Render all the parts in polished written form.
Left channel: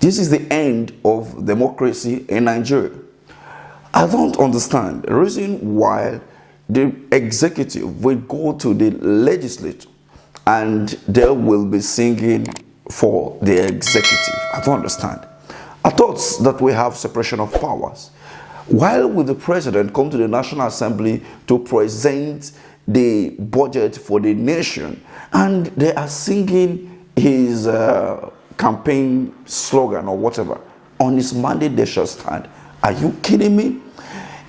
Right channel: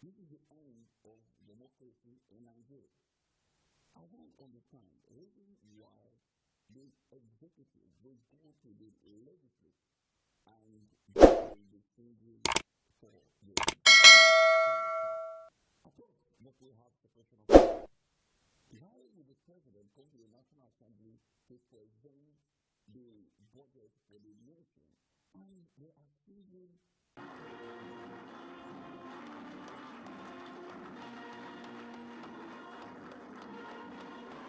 This is the end of democracy in Nigeria. I don't understand the reason why the executive will go to the legislature and they will be singing for the executive. I don't understand. I thought that we have separation of powers. Why will the president come to the National Assembly to present the budget for the nation and they are singing his campaign slogan or whatever? On his mandate they shall stand. Are you kidding me?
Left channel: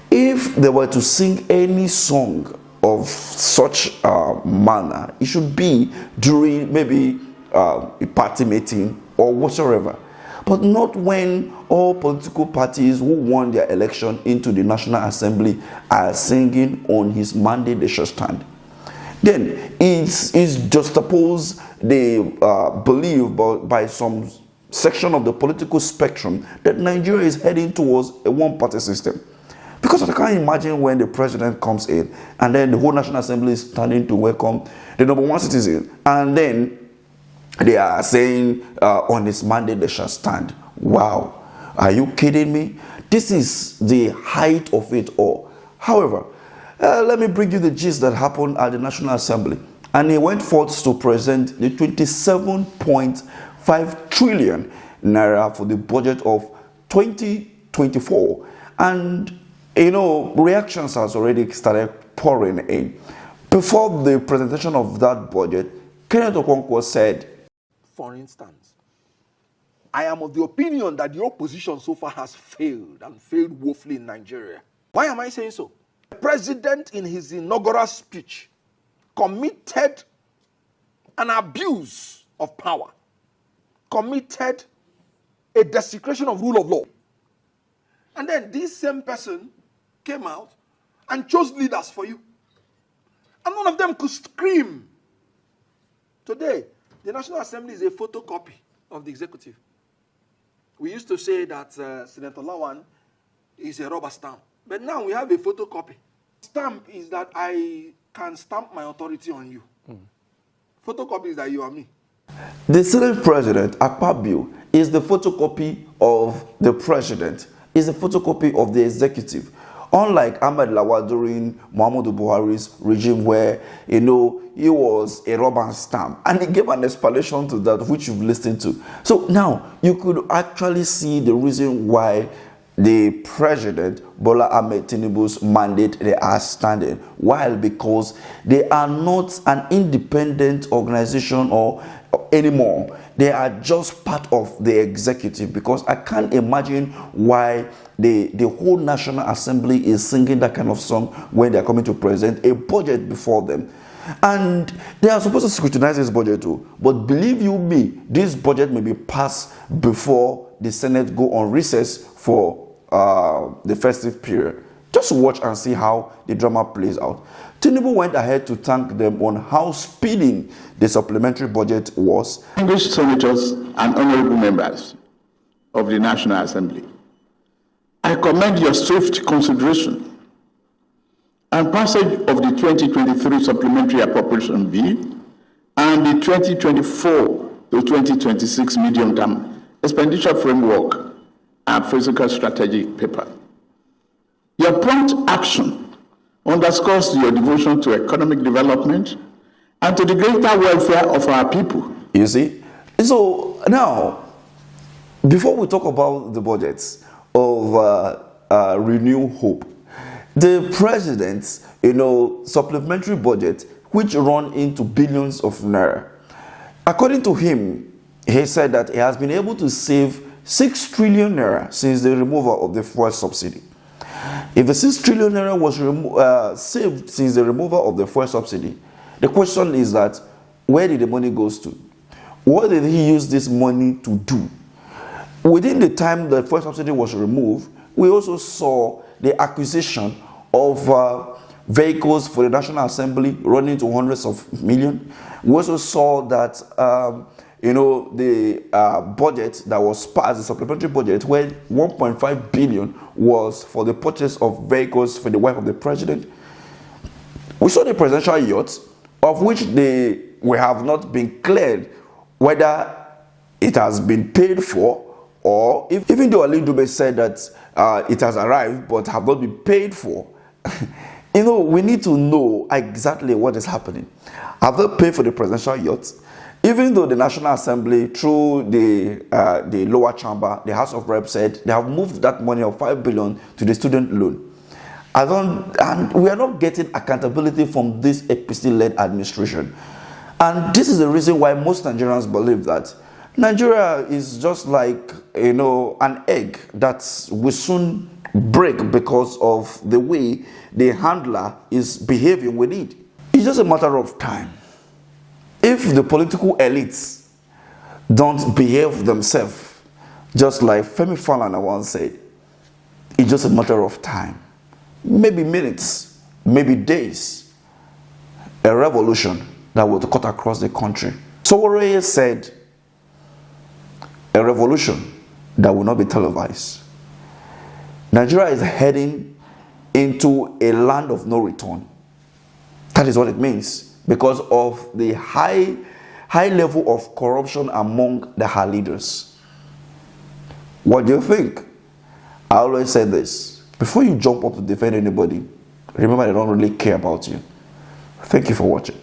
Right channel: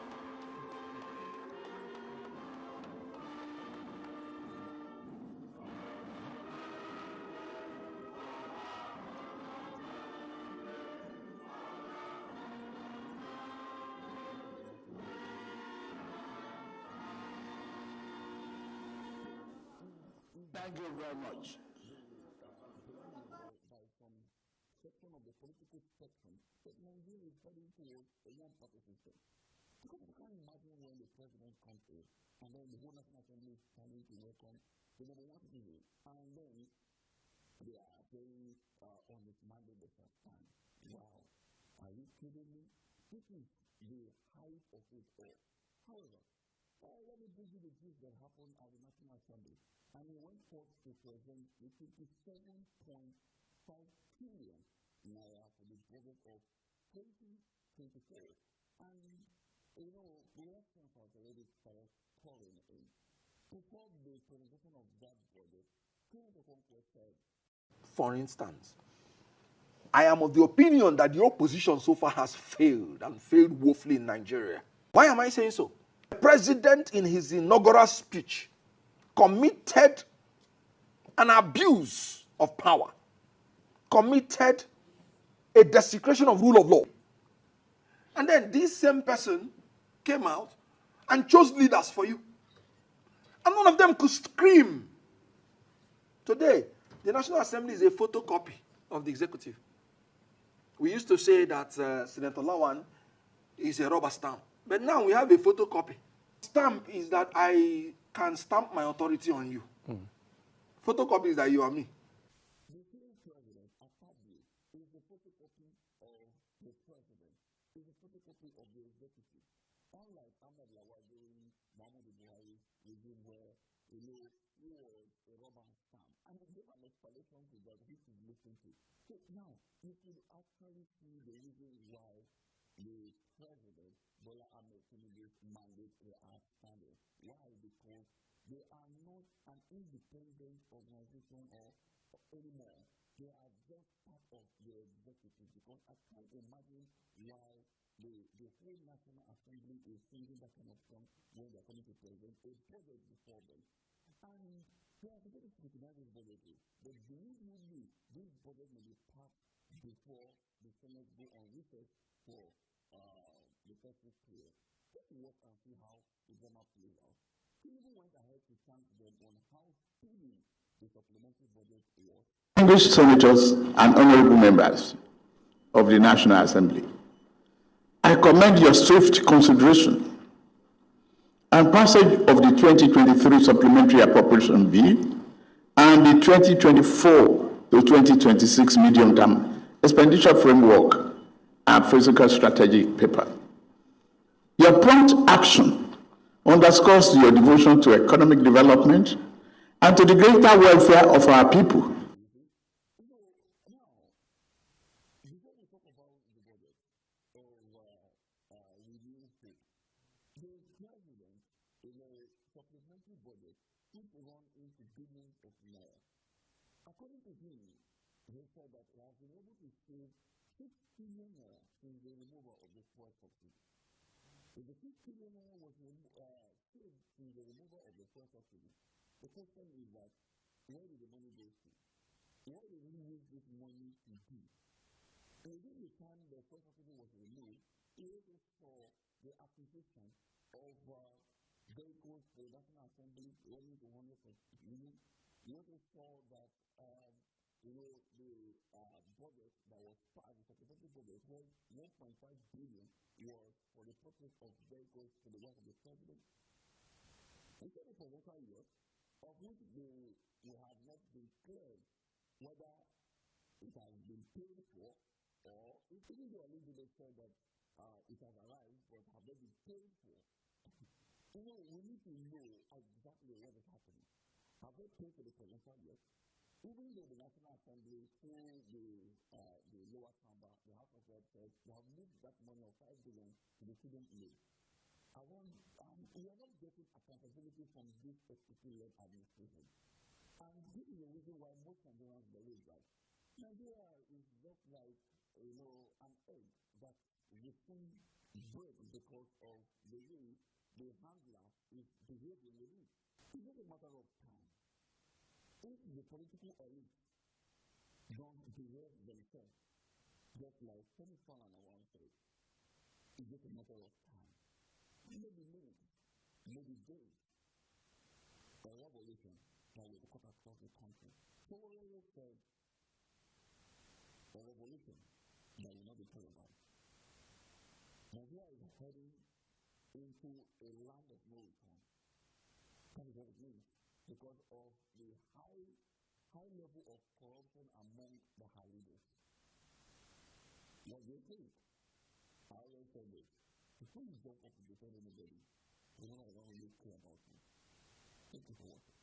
If they were to sing any song of such manner, it should be during maybe a party meeting or whatsoever, but not when all political parties who won their election into the National Assembly are singing on his mandate they shall stand. Then it's juxtaposed the belief by some section of the political spectrum that Nigeria is heading towards a one-party system. Because I can't imagine when the president comes in and then the whole National Assembly is standing to welcome the number one citizen, and then they are saying on his mandate they shall stand. Wow, are you kidding me? This is the height of it all. However, let me bring you the gist that happened at the National Assembly. And he went forth to present the 27.5 trillion naira for the budget of 2024. And, you know, reactions has already started pouring in. Before the presentation of that budget, Kenneth Okonkwo said, for instance, I am of the opinion that the opposition so far has failed and failed woefully in Nigeria. Why am I saying so? The president in his inaugural speech committed an abuse of power, committed a desecration of rule of law. And then this same person came out and chose leaders for you. And none of them could scream. Today, the National Assembly is a photocopy of the executive. We used to say that Senator Lawan is a rubber stamp. But now we have a photocopy. Stamp is that I can stamp my authority on you. Photocopy is that you are me. The Senate President, Akpabio, is the photocopy of the president, is a photocopy of the executive. Unlike Ahmed Lawal during Muhammadu Buhari's regime where, you know, he was a rubber stamp. And he gave an explanation to that, which you've listened to. So now, you could actually see the reason why the president, Bola Ahmed Tinubu's mandate, they are standing. While because they are not an independent organization or anymore. They are just part of the executive, because I can't imagine why the whole National Assembly is singing that kind of song when they're coming to present a budget before them. And they are supposed to scrutinize this budget too. But believe you me, this budget may be passed before the Senate go on recess for the festive period. Just watch and see how the drama plays out. Tinubu went ahead to thank them on how speedy the supplementary budget was. Distinguished senators and honorable members of the National Assembly, I commend your swift consideration and passage of the 2023 Supplementary Appropriation Bill and the 2024 to 2026 Medium-Term Expenditure Framework and Physical Strategy paper. Your prompt action underscores your devotion to economic development and to the greater welfare of our people. You see? So now, before we talk about the budgets of Renew Hope, the president's, supplementary budget, which run into billions of naira, according to him, he said that he has been able to save 6 trillion naira since the removal of the fuel subsidy. If the 6 trillion naira was saved since the removal of the fuel subsidy, the question is that, where did the money go to? What did he use this money to do? Within the time the fuel subsidy was removed, we also saw the acquisition of vehicles for the National Assembly running to hundreds of millions. We also saw that the budget that was passed, the supplementary budget, where 1.5 billion was for the purchase of vehicles for the wife of the president. We saw the presidential yacht, of which we have not been cleared whether it has been paid for, or even though Ali Dube said that it has arrived but have not been paid for. We need to know exactly what is happening. Have they paid for the presidential yacht? Even though the National Assembly, through the lower chamber, the House of Reps, said they have moved that money of 5 billion to the student loan. And we are not getting accountability from this APC-led administration. And this is the reason why most Nigerians believe that Nigeria is just like, an egg that will soon break because of the way the handler is behaving with it. It's just a matter of time. If the political elites don't behave themselves, just like Femi Falana once said, it's just a matter of time. Maybe minutes, maybe days, a revolution that will cut across the country. Sowore said, a revolution that will not be televised. Nigeria is heading into a land of no return. That is what it means, because of the high level of corruption among her leaders. What do you think? I always say this: before you jump up to defend anybody, remember they don't really care about you. Thank you for watching.